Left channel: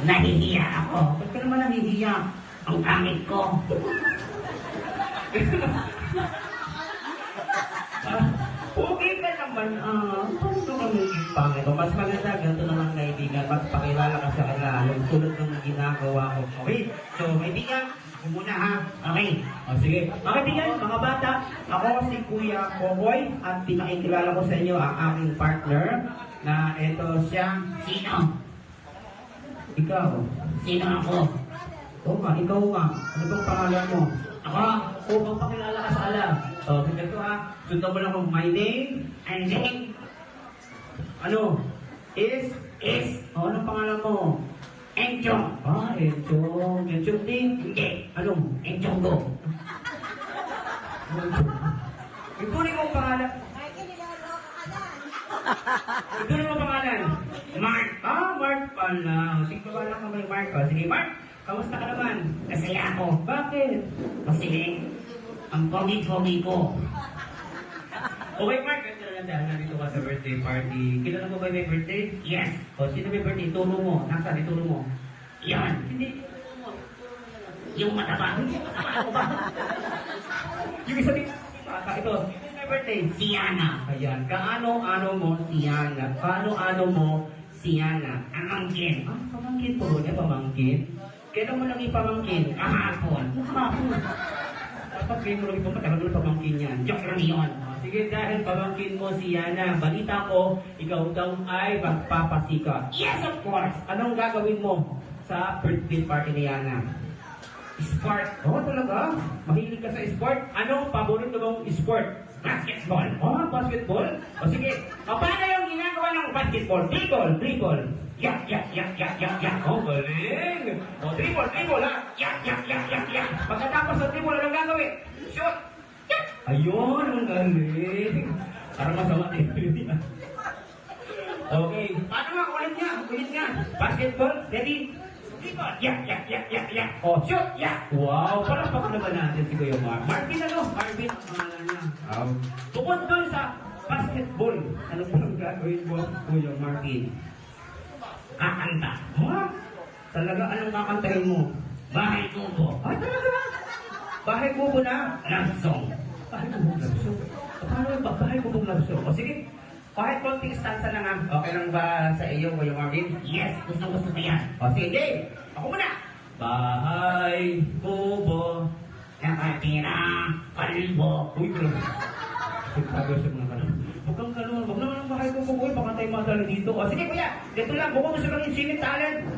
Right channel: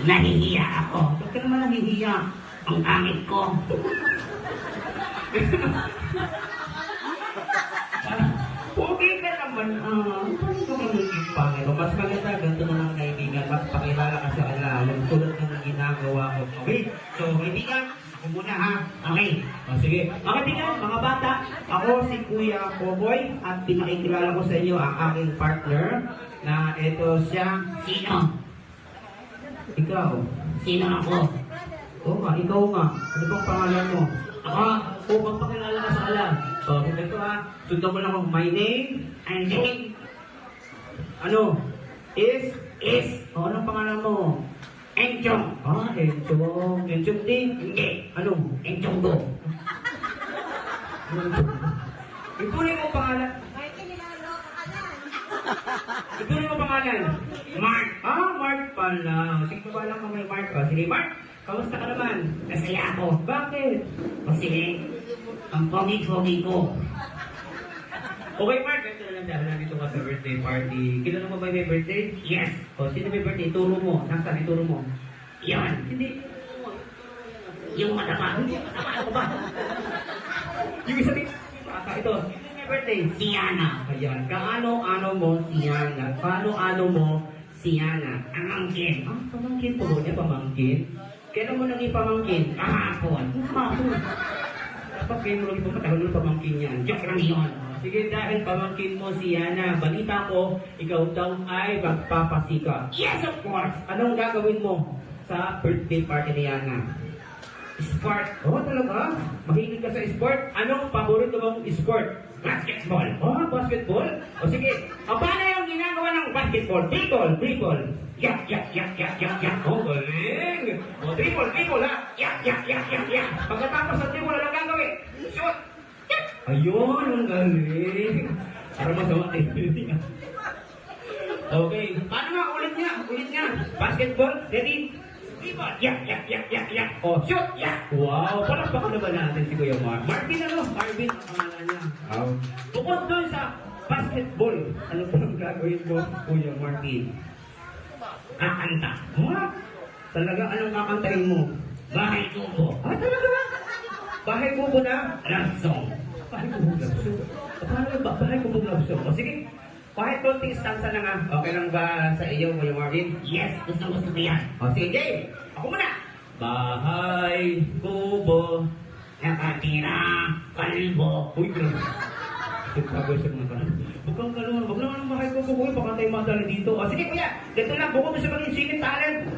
Nahihiya ako. Ba't ka naman nahihiya? Ang pangit ko. Okay ka naman, ano ka magiging pangit? O mas maganda, ganito naman kaibigan, mas pakilala ka sa kanila, yung tulad ng ginagawa ko. Okay? So, kaibigan, ako muna ha. Okay. O sige. Mga kaibigan, mga bata, ako si Kuya Poboy at pinakikilala ko sa inyo ang aking partner na ito siya, Sino? ikaw. Sino ako? Oo nga, ikaw nga. Ano bang pangalan mo? Ako? O, magpakilala ka sa alam. O, ito ha. Sundan mo lang ako. My name, I'm Jane. ano? Is? Is O, anong pangalan mo? Enchong. Enchong. Enchong din? Hindi. Ano? Enchong go. Ituloy mo ang pangalan. Ituloy mo ang pangalan. Mark. Mark pala. Sige pa lang kami, Mark. O, sige, Mark. Kamusta ka naman? Masaya ako. Bakit? Kasi ang pogi-pogi ko. Okay, Mark. Ito na dyan. Nandito ka sa birthday party. Kilala mo ba yung may birthday? Yes. O, sino may birthday? Turo mo. Nasaan? Ituro mo. Yan. Hindi. Yung mataba. Yung isa din. Ito. Sino may birthday? Si Yana. Ayan. Kaano-ano mo si Yana? Kaano-ano mo si Yana? Amangkin. Pamangkin po. Di pamangkin? Kailan mo naging pamangkin? Kahapon. Kahapon. Dapat kayo mo naging pamangkin. Pamangkin yan. Joke lang yun. Sige, dahil pamangkin mo si Yana, balita ko, ikaw daw ay magpapasika. Yes, of course. Anong gagawin mo sa birthday party ni Yana? Sport. Talaga? Mahilig ka sa sport? Anong paborito mong sport? Basketball. Basketball? O sige, paano yung ginagawa ng basketball? Dribble. Yak, yak, yak, yak, yak, yak. Galing. Dribble, ha? Yak, yak, yak, yak, yak. Pagkatapos ng dribble, anong gagawin? Shoot! Ayun, ang galing. Parang masama kayo. Okay. Paano nga? Ulit niya. Basketball, ready? Dribble. Yak, yak, yak, yak, yak. Oh, shoot! Yak. Wow, palakpakan naman natin si Kuya Mark. Martin, Marvin, ang pangalan niya. Tungkol doon sa basketball, ano po ang gagawin mo, Kuya Martin? Kakanta. Talaga, anong kakantayin mo? Bahay tubo. Talaga? Bahay mo na? Love song. Bahay mo love song? Paano ba? Bahay mo love song? O sige, kahit konting stanza na nga. Okay lang ba sa iyo, Kuya Martin? Yes, gusto ko yan. O sige, ako muna. Bahay kubo. Nakatira, kalbo. Uy, pagkagasag mo ka na. Huwag kang gano'n. Huwag naman ang bahay kubo. Baka tayo madali dito. O sige, kuya. Dito lang. Bukod na sa mga silip talent.